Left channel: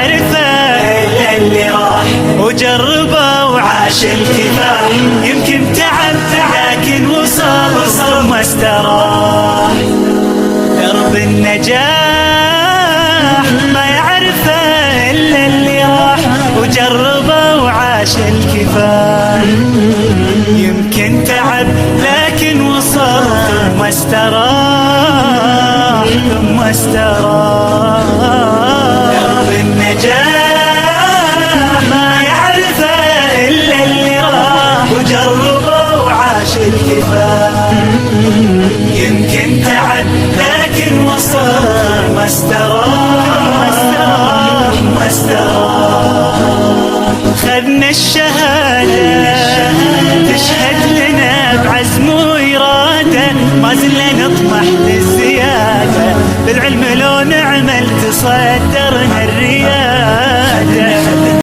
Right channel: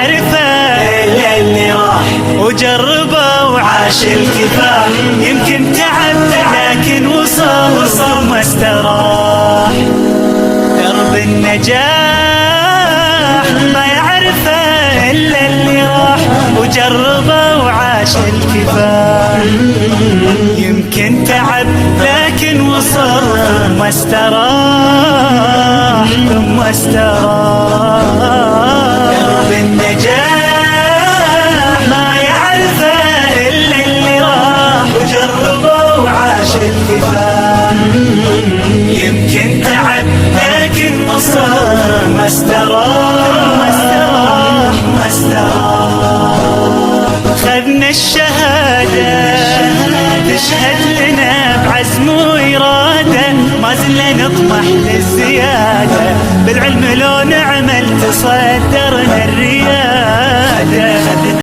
يعرفه إلا اللي راح وجربه وعاش الكفاح. يمكن تعب لكن وصل ثم استراح. درب النجاح ما يعرفه إلا اللي راح وجربه وعاش الكفاح. يمكن تعب لكن وصل ثم استراح ثم استراح. درب النجاح ما يعرفه إلا اللي راح وجربه وعاش الكفاح. يمكن تعب لكن وصل ما استراح ما استراح. خذنا الشهادة تشهد لنا بعزم وإرادة، ما زلنا نطمح للزيادة، بالعلم لو نعمل تصدرنا الريادة.